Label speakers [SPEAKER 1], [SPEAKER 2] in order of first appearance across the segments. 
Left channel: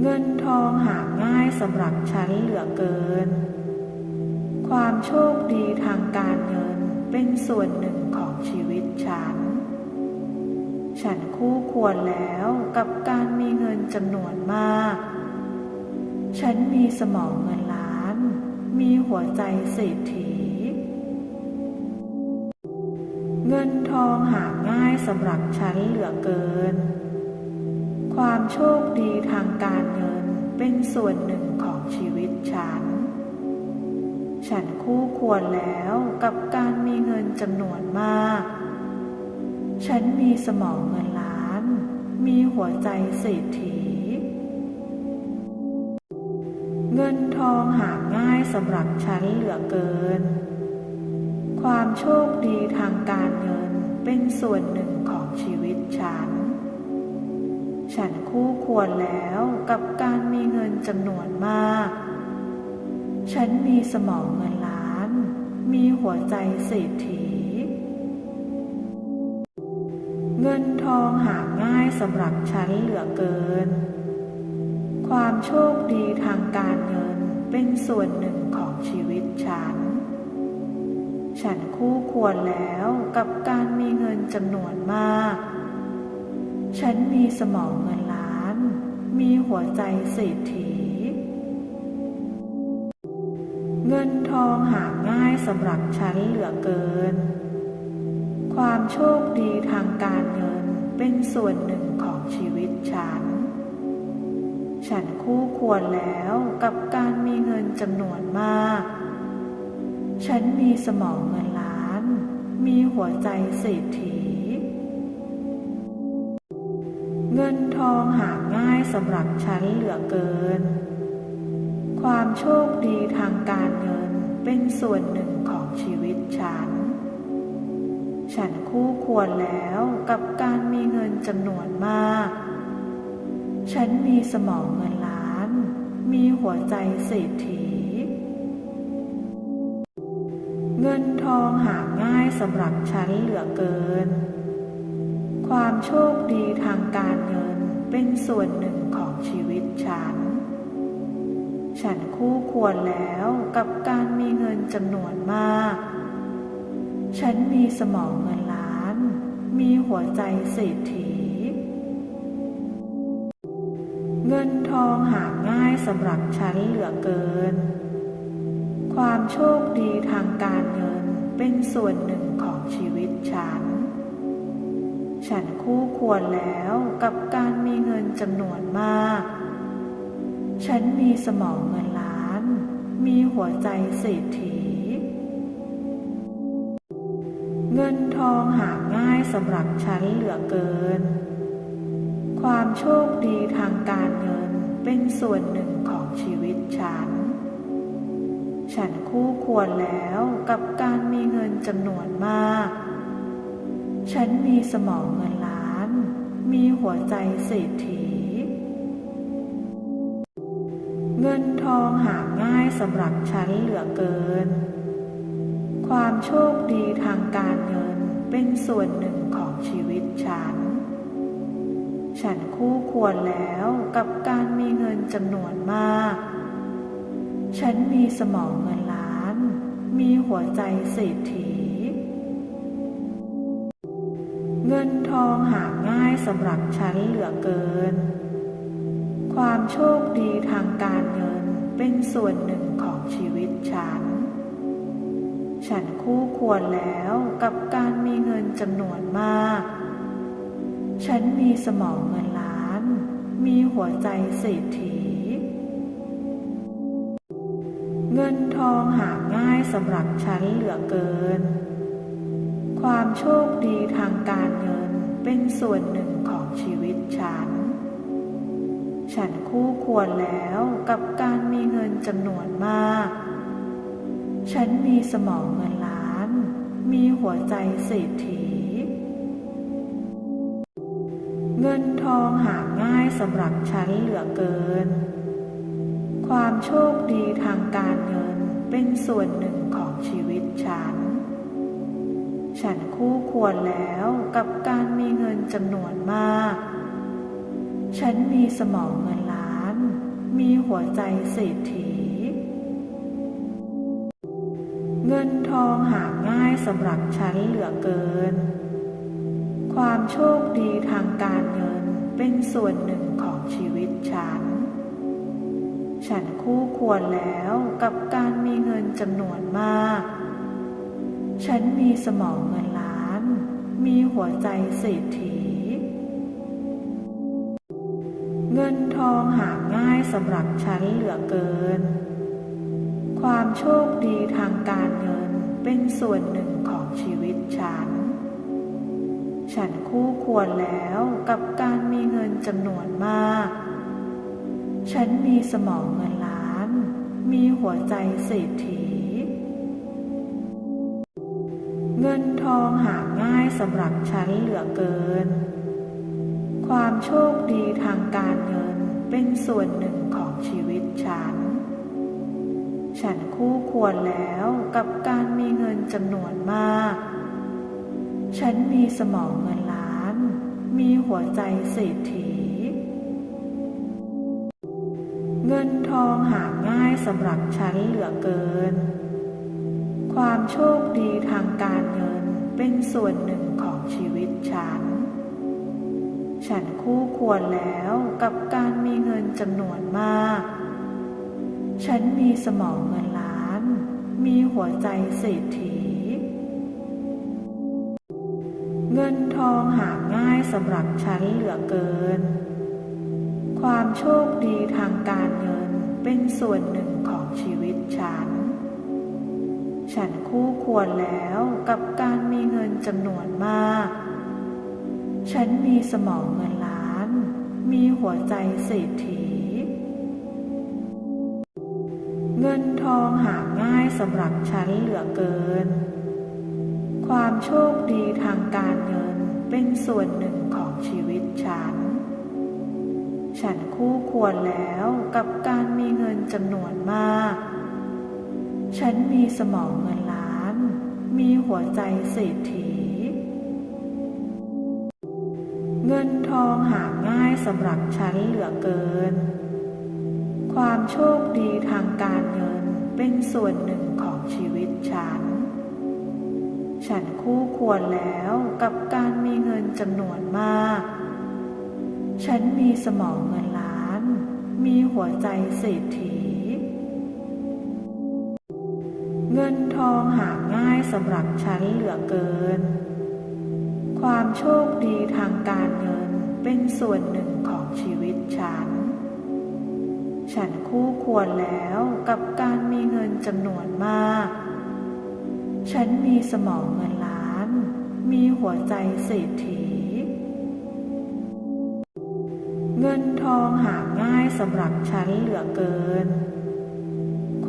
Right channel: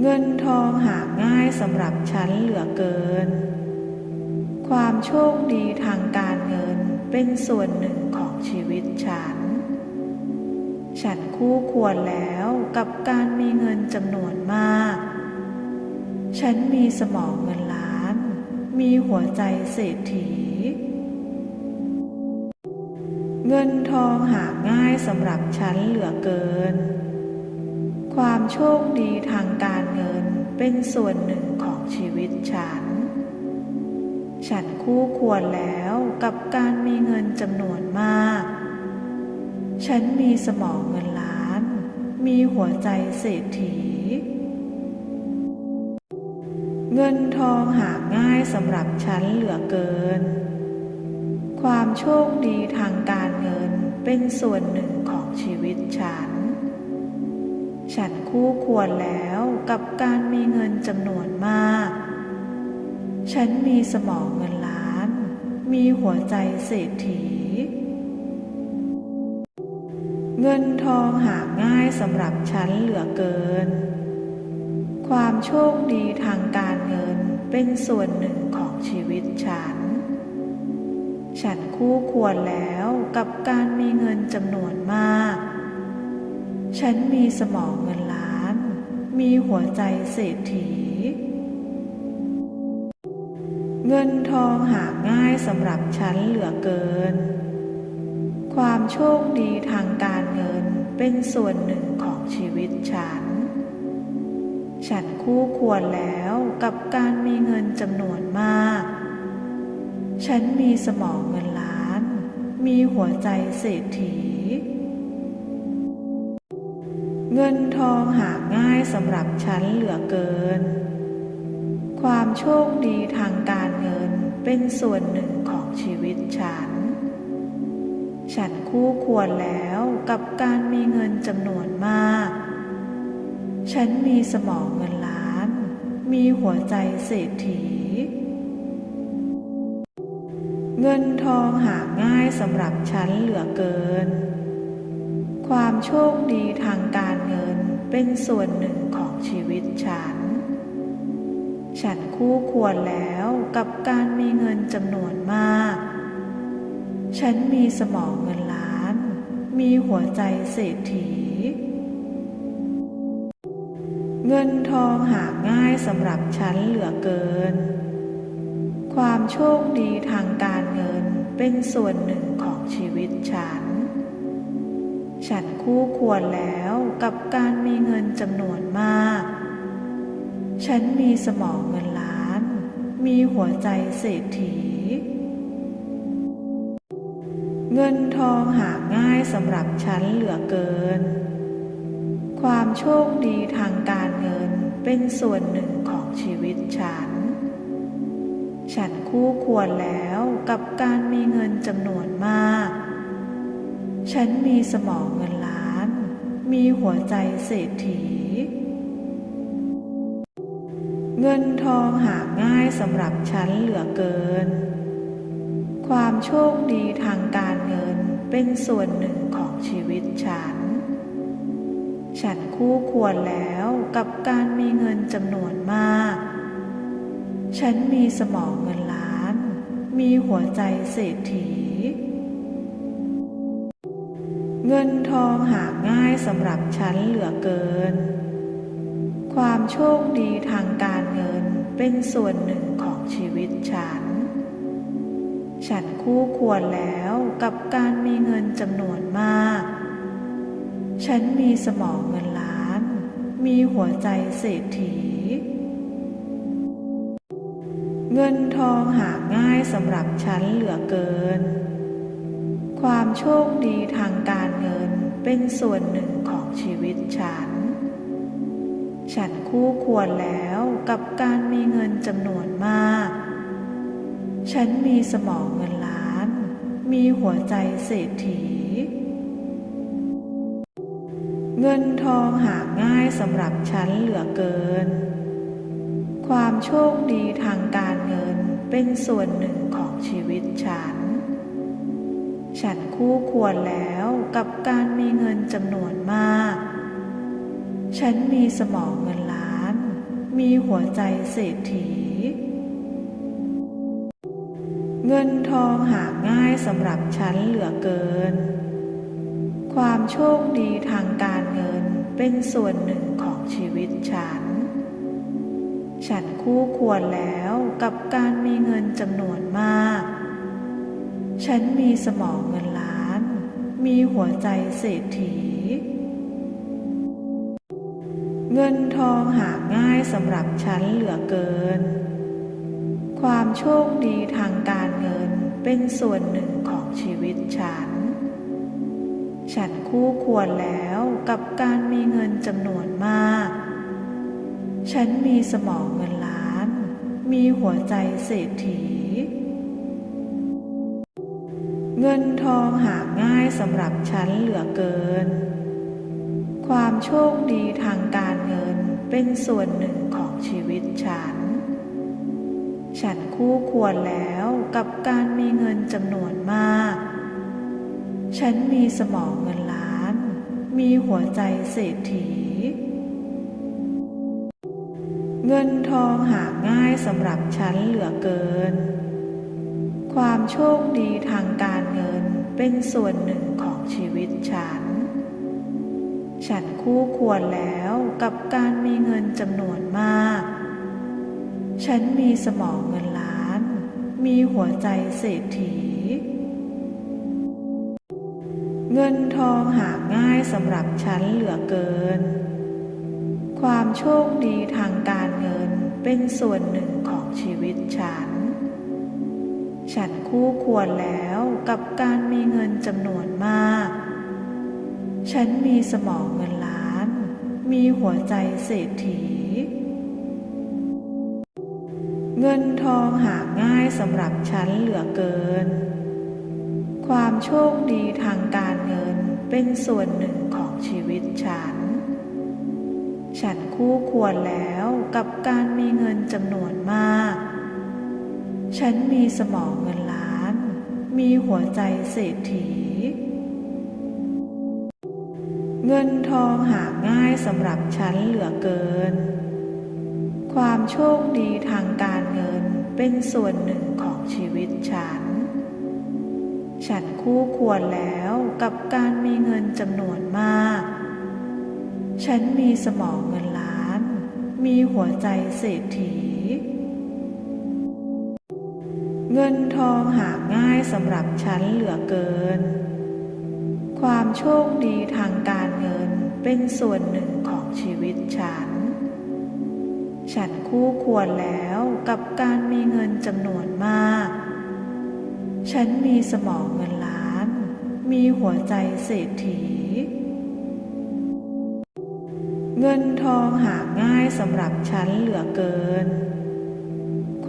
[SPEAKER 1] เงินทองหาง่ายสำหรับฉันเหลือเกิน ความโชคดีทางการเงินเป็นส่วนหนึ่งของชีวิตฉัน ฉันคู่ควรแล้วกับการมีเงินจำนวนมาก ฉันมีสมองเงินล้าน มีหัวใจเศรษฐี เงินทองหาง่ายสำหรับฉันเหลือเกิน ความโชคดีทางการเงินเป็นส่วนหนึ่งของชีวิตฉัน ฉันคู่ควรแล้วกับการมีเงินจำนวนมาก ฉันมีสมองเงินล้าน มีหัวใจเศรษฐี เงินทองหาง่ายสำหรับฉันเหลือเกิน ความโชคดีทางการเงินเป็นส่วนหนึ่งของชีวิตฉัน ฉันคู่ควรแล้วกับการมีเงินจำนวนมาก ฉันมีสมองเงินล้าน มีหัวใจเศรษฐี เงินทองหาง่ายสำหรับฉันเหลือเกิน ความโชคดีทางการเงินเป็นส่วนหนึ่งของชีวิตฉัน ฉันคู่ควรแล้วกับการมีเงินจำนวนมาก ฉันมีสมองเงินล้าน มีหัวใจเศรษฐี เงินทองหาง่ายสำหรับฉันเหลือเกิน ความโชคดีทางการเงินเป็นส่วนหนึ่งของชีวิตฉัน ฉันคู่ควรแล้วกับการมีเงินจำนวนมาก ฉันมีสมองเงินล้าน มีหัวใจเศรษฐี เงินทองหาง่ายสำหรับฉันเหลือเกิน ความโชคดีทางการเงินเป็นส่วนหนึ่งของชีวิตฉัน ฉันคู่ควรแล้วกับการมีเงินจำนวนมาก ฉันมีสมองเงินล้าน มีหัวใจเศรษฐี เงินทองหาง่ายสำหรับฉันเหลือเกินความโชคดีทางการ เป็นส่วนหนึ่งของชีวิตฉัน ฉันคู่ควรแล้วกับการมีเงินจำนวนมาก ฉันมีสมองเงินล้าน มีหัวใจเศรษฐี เงินทองหาง่ายสำหรับฉันเหลือเกิน ความโชคดีทางการเงินเป็นส่วนหนึ่งของชีวิตฉัน ฉันคู่ควรแล้วกับการมีเงินจำนวนมาก ฉันมีสมองเงินล้าน มีหัวใจเศรษฐี เงินทองหาง่ายสำหรับฉันเหลือเกิน ความโชคดีทางการเงินเป็นส่วนหนึ่งของชีวิตฉัน ฉันคู่ควรแล้วกับการมีเงินจำนวนมาก ฉันมีสมองเงินล้าน มีหัวใจเศรษฐี เงินทองหาง่ายสำหรับฉันเหลือเกิน ความโชคดีทางการเงินเป็นส่วนหนึ่งของชีวิตฉัน ฉันคู่ควรแล้วกับการมีเงินจำนวนมาก ฉันมีสมองเงินล้าน มีหัวใจเศรษฐี เงินทองหาง่ายสำหรับฉันเหลือเกิน ความโชคดีทางการเงินเป็นส่วนหนึ่งของชีวิตฉัน ฉันคู่ควรแล้วกับการมีเงินจำนวนมาก ฉันมีสมองเงินล้าน มีหัวใจเศรษฐี เงินทองหาง่ายสำหรับฉันเหลือเกิน ความโชคดีทางการ เป็นส่วนหนึ่งของชีวิตฉัน ฉันคู่ควรแล้วกับการมีเงินจำนวนมาก ฉันมีสมองเงินล้าน มีหัวใจเศรษฐี เงินทองหาง่ายสำหรับฉันเหลือเกิน ความโชคดีทางการเงินเป็นส่วนหนึ่งของชีวิตฉัน ฉันคู่ควรแล้วกับการมีเงินจำนวนมาก ฉันมีสมองเงินล้าน มีหัวใจเศรษฐี เงินทองหาง่ายสำหรับฉันเหลือเกิน ความโชคดีทางการเงินเป็นส่วนหนึ่งของชีวิตฉัน ฉันคู่ควรแล้วกับการมีเงินจำนวนมาก ฉันมีสมองเงินล้าน มีหัวใจเศรษฐี เงินทองหาง่ายสำหรับฉันเหลือเกิน ความโชคดีทางการเงินเป็นส่วนหนึ่งของชีวิตฉัน ฉันคู่ควรแล้วกับการมีเงินจำนวนมาก ฉันมีสมองเงินล้าน มีหัวใจเศรษฐี เงินทองหาง่ายสำหรับฉันเหลือเกิน ความโชคดีทางการเงินเป็นส่วนหนึ่งของชีวิตฉัน ฉันคู่ควรแล้วกับการมีเงินจำนวนมาก ฉันมีสมองเงินล้าน มีหัวใจเศรษฐี เงินทองหาง่ายสำหรับฉันเหลือเกิน ความโชคดีทางการเงินเป็นส่วนหนึ่งของชีวิตฉัน ฉันคู่ควรแล้วกับการมีเงินจำนวนมาก ฉันมีสมองเงินล้าน มีหัวใจเศรษฐี เงินทองหาง่ายสำหรับฉันเหลือเกิน ความโชคดีทางการเงินเป็นส่วนหนึ่งของชีวิตฉัน ฉันคู่ควรแล้วกับการมีเงินจำนวนมาก ฉันมีสมองเงินล้าน มีหัวใจเศรษฐี เงินทองหาง่ายสำหรับฉันเหลือเกิน ความโชคดีทางการเงินเป็นส่วนหนึ่งของชีวิตฉัน ฉันคู่ควรแล้วกับการมีเงินจำนวนมาก ฉันมีสมองเงินล้าน มีหัวใจเศรษฐี เงินทองหาง่ายสำหรับฉันเหลือเกิน ความโชคดีทางการเงินเป็นส่วนหนึ่งของชีวิตฉัน ฉันคู่ควรแล้วกับการมีเงินจำนวนมาก ฉันมีสมองเงินล้าน มีหัวใจเศรษฐี เงินทองหาง่ายสำหรับฉันเหลือเกิน ความโชคดีทางการเงินเป็นส่วนหนึ่งของชีวิตฉัน ฉันคู่ควรแล้วกับการมีเงินจำนวนมาก ฉันมีสมองเงินล้าน มีหัวใจเศรษฐี เงินทองหาง่ายสำหรับฉันเหลือเกิน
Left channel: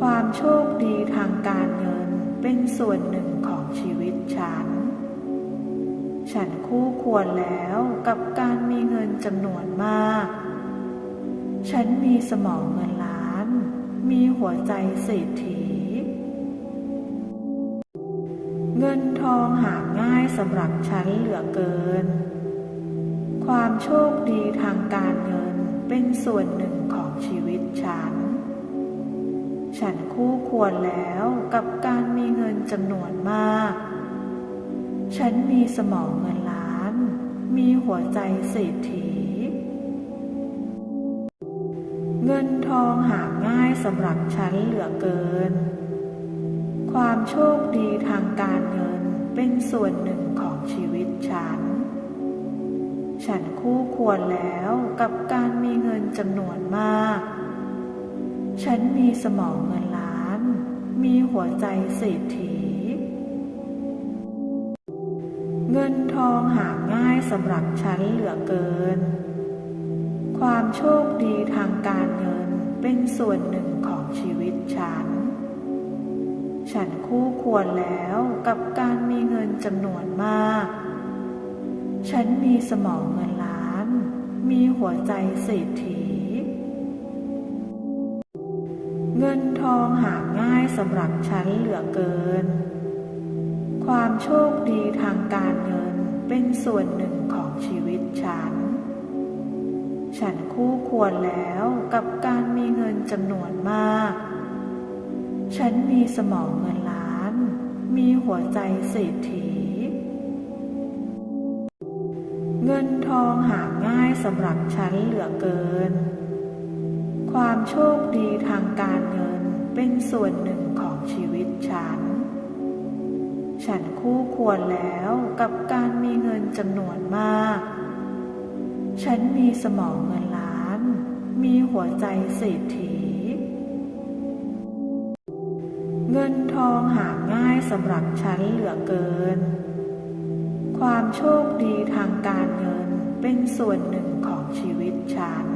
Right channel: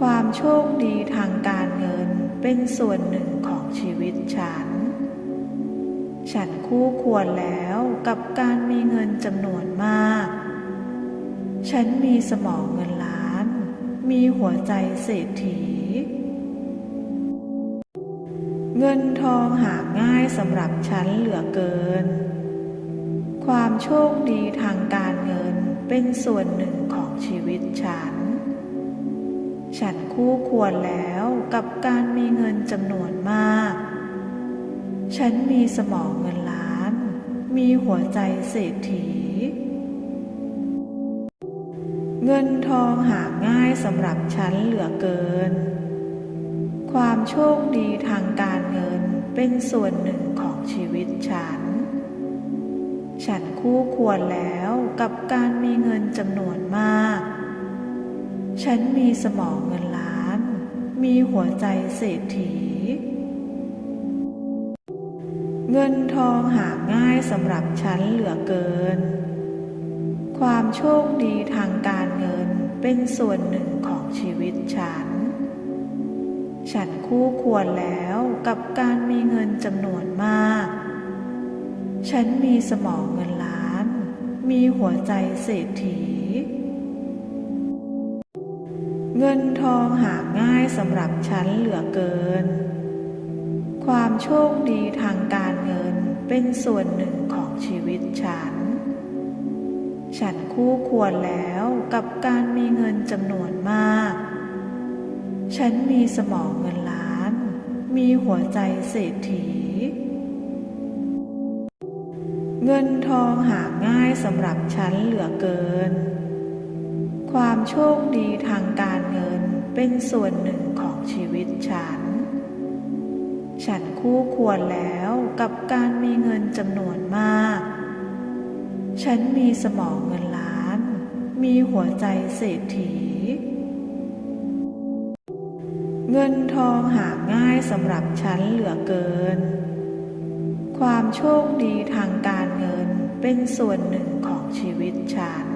[SPEAKER 1] ความโชคดีทางการ เป็นส่วนหนึ่งของชีวิตฉัน ฉันคู่ควรแล้วกับการมีเงินจำนวนมาก ฉันมีสมองเงินล้าน มีหัวใจเศรษฐี เงินทองหาง่ายสำหรับฉันเหลือเกิน ความโชคดีทางการเงินเป็นส่วนหนึ่งของชีวิตฉัน ฉันคู่ควรแล้วกับการมีเงินจำนวนมาก ฉันมีสมองเงินล้าน มีหัวใจเศรษฐี เงินทองหาง่ายสำหรับฉันเหลือเกิน ความโชคดีทางการเงินเป็นส่วนหนึ่งของชีวิตฉัน ฉันคู่ควรแล้วกับการมีเงินจำนวนมาก ฉันมีสมองเงินล้าน มีหัวใจเศรษฐี เงินทองหาง่ายสำหรับฉันเหลือเกิน ความโชคดีทางการเงินเป็นส่วนหนึ่งของชีวิตฉัน ฉันคู่ควรแล้วกับการมีเงินจำนวนมาก ฉันมีสมองเงินล้าน มีหัวใจเศรษฐี เงินทองหาง่ายสำหรับฉันเหลือเกิน ความโชคดีทางการเงินเป็นส่วนหนึ่งของชีวิตฉัน ฉันคู่ควรแล้วกับการมีเงินจำนวนมาก ฉันมีสมองเงินล้าน มีหัวใจเศรษฐี เงินทองหาง่ายสำหรับฉันเหลือเกิน ความโชคดีทางการเงินเป็นส่วนหนึ่งของชีวิตฉัน ฉันคู่ควรแล้วกับการมีเงินจำนวนมาก ฉันมีสมองเงินล้าน มีหัวใจเศรษฐี เงินทองหาง่ายสำหรับฉันเหลือเกิน ความโชคดีทางการเงินเป็นส่วนหนึ่งของชีวิตฉัน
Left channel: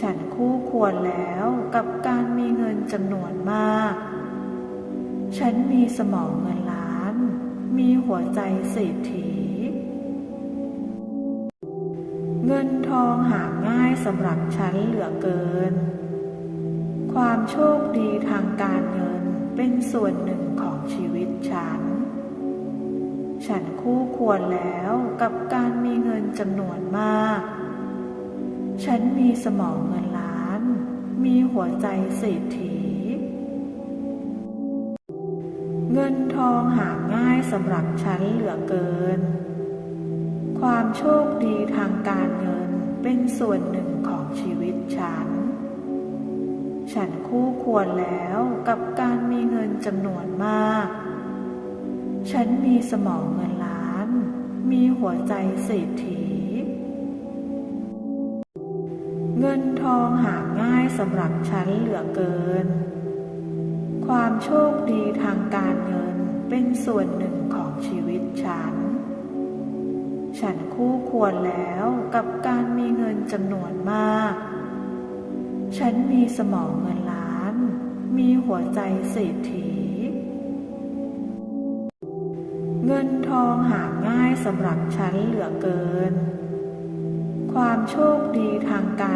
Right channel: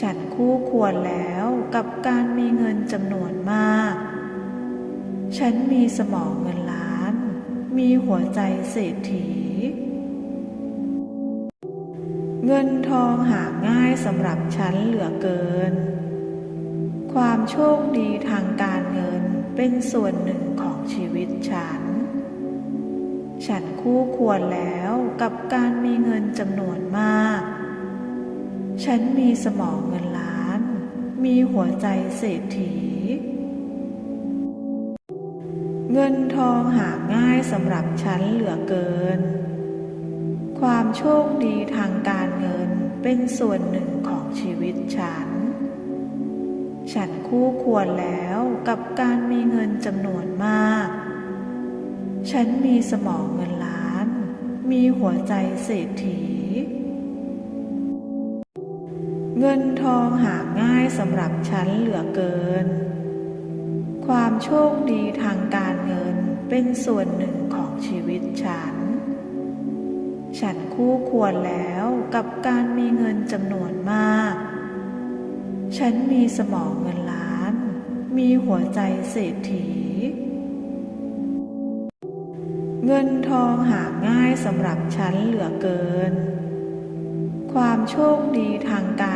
[SPEAKER 1] ฉันคู่ควรแล้วกับการมีเงินจำนวนมาก ฉันมีสมองเงินล้าน มีหัวใจเศรษฐี เงินทองหาง่ายสำหรับฉันเหลือเกิน ความโชคดีทางการเงินเป็นส่วนหนึ่งของชีวิตฉัน ฉันคู่ควรแล้วกับการมีเงินจำนวนมาก ฉันมีสมองเงินล้าน มีหัวใจเศรษฐี เงินทองหาง่ายสำหรับฉันเหลือเกิน ความโชคดีทางการเงินเป็นส่วนหนึ่งของชีวิตฉัน ฉันคู่ควรแล้วกับการมีเงินจำนวนมาก ฉันมีสมองเงินล้าน มีหัวใจเศรษฐี เงินทองหาง่ายสำหรับฉันเหลือเกิน ความโชคดีทางการเงินเป็นส่วนหนึ่งของชีวิตฉัน ฉันคู่ควรแล้วกับการมีเงินจำนวนมาก ฉันมีสมองเงินล้าน มีหัวใจเศรษฐี เงินทองหาง่ายสำหรับฉันเหลือเกิน ความโชคดีทางการ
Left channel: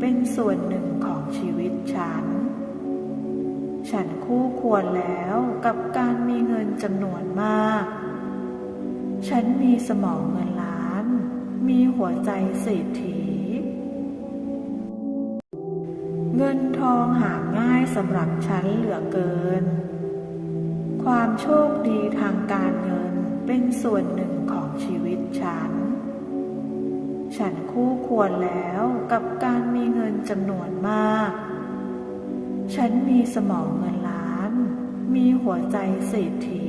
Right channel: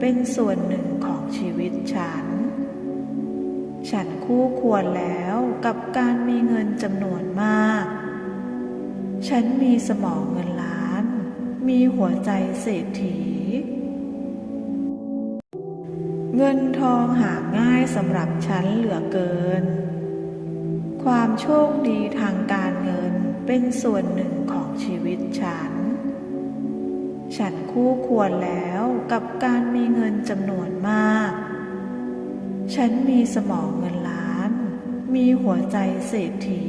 [SPEAKER 1] เป็นส่วนหนึ่งของชีวิตฉัน ฉันคู่ควรแล้วกับการมีเงินจำนวนมาก ฉันมีสมองเงินล้าน มีหัวใจเศรษฐี เงินทองหาง่ายสำหรับฉันเหลือเกิน ความโชคดีทางการเงินเป็นส่วนหนึ่งของชีวิตฉัน ฉันคู่ควรแล้วกับการมีเงินจำนวนมาก ฉันมีสมองเงินล้าน มีหัวใจเศรษฐี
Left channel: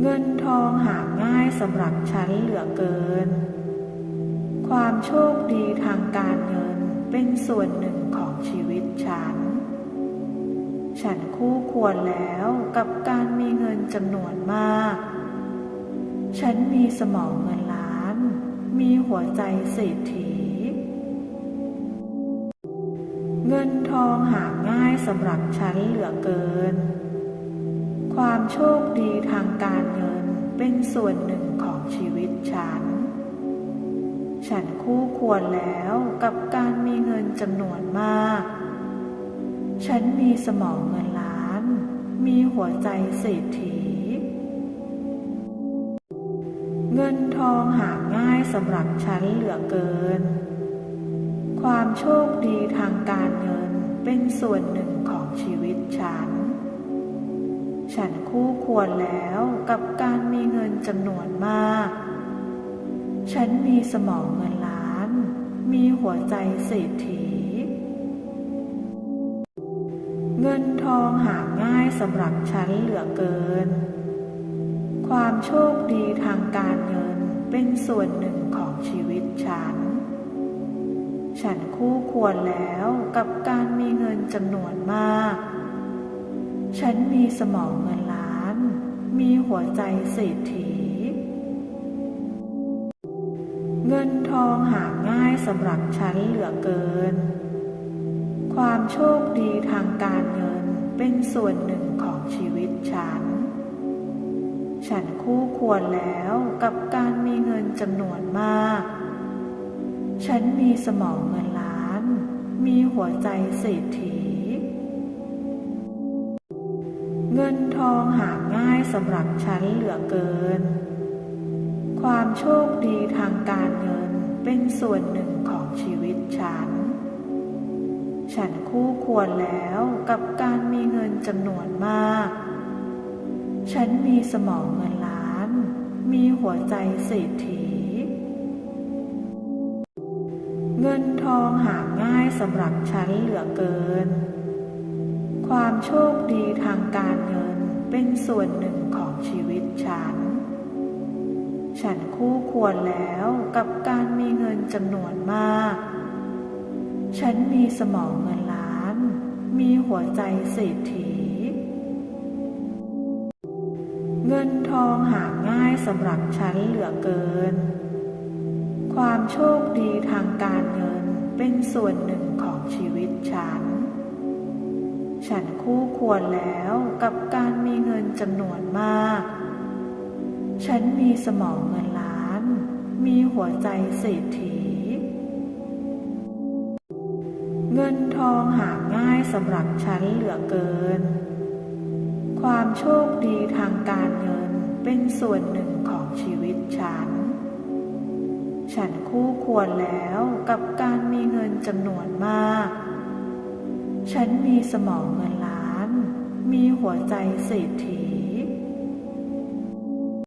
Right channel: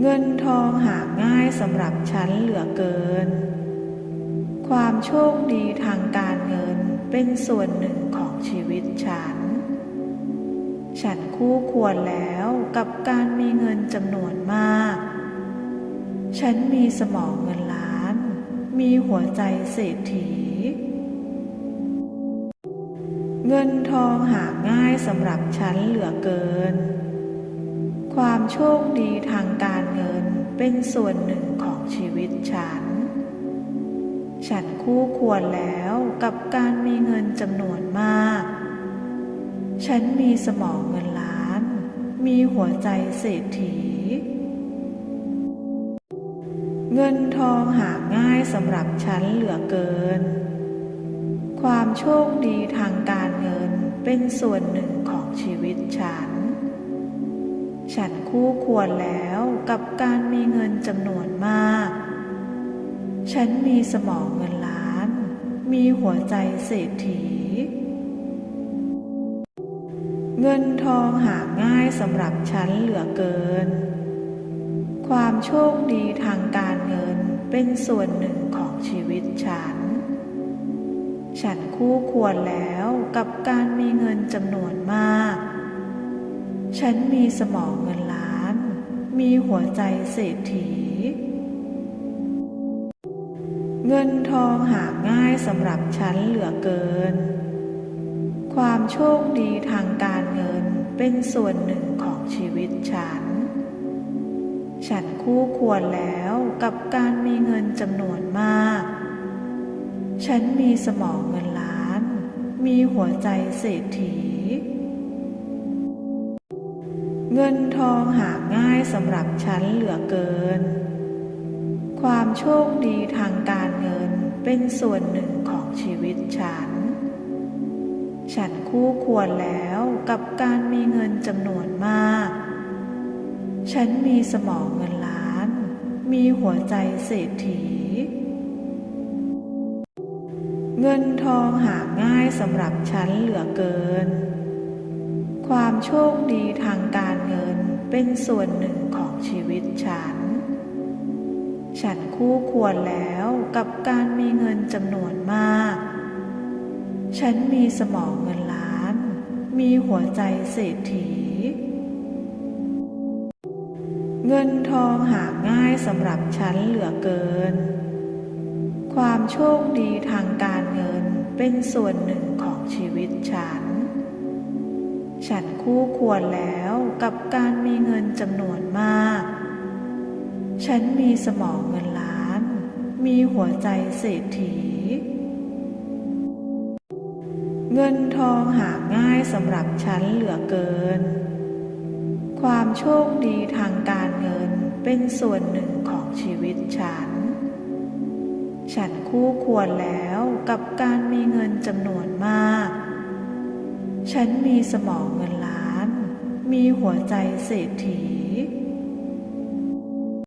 [SPEAKER 1] เงินทองหาง่ายสำหรับฉันเหลือเกิน ความโชคดีทางการเงินเป็นส่วนหนึ่งของชีวิตฉัน ฉันคู่ควรแล้วกับการมีเงินจำนวนมาก ฉันมีสมองเงินล้าน มีหัวใจเศรษฐี เงินทองหาง่ายสำหรับฉันเหลือเกิน ความโชคดีทางการเงินเป็นส่วนหนึ่งของชีวิตฉัน ฉันคู่ควรแล้วกับการมีเงินจำนวนมาก ฉันมีสมองเงินล้าน มีหัวใจเศรษฐี เงินทองหาง่ายสำหรับฉันเหลือเกิน ความโชคดีทางการเงินเป็นส่วนหนึ่งของชีวิตฉัน ฉันคู่ควรแล้วกับการมีเงินจำนวนมาก ฉันมีสมองเงินล้าน มีหัวใจเศรษฐี เงินทองหาง่ายสำหรับฉันเหลือเกินความโชคดีทางการ เป็นส่วนหนึ่งของชีวิตฉัน ฉันคู่ควรแล้วกับการมีเงินจำนวนมาก ฉันมีสมองเงินล้าน มีหัวใจเศรษฐี เงินทองหาง่ายสำหรับฉันเหลือเกิน ความโชคดีทางการเงินเป็นส่วนหนึ่งของชีวิตฉัน ฉันคู่ควรแล้วกับการมีเงินจำนวนมาก ฉันมีสมองเงินล้าน มีหัวใจเศรษฐี เงินทองหาง่ายสำหรับฉันเหลือเกิน ความโชคดีทางการเงินเป็นส่วนหนึ่งของชีวิตฉัน ฉันคู่ควรแล้วกับการมีเงินจำนวนมาก ฉันมีสมองเงินล้าน มีหัวใจเศรษฐี เงินทองหาง่ายสำหรับฉันเหลือเกิน ความโชคดีทางการเงินเป็นส่วนหนึ่งของชีวิตฉัน ฉันคู่ควรแล้วกับการมีเงินจำนวนมาก ฉันมีสมองเงินล้าน มีหัวใจเศรษฐี เงินทองหาง่ายสำหรับฉันเหลือเกิน ความโชคดีทางการเงินเป็นส่วนหนึ่งของชีวิตฉัน ฉันคู่ควรแล้วกับการมีเงินจำนวนมาก ฉันมีสมองเงินล้าน มีหัวใจเศรษฐี เงินทองหาง่ายสำหรับฉันเหลือเกิน ความโชคดีทางการเงินเป็นส่วนหนึ่งของชีวิตฉัน ฉันคู่ควรแล้วกับการมีเงินจำนวนมาก ฉันมีสมองเงินล้าน มีหัวใจเศรษฐี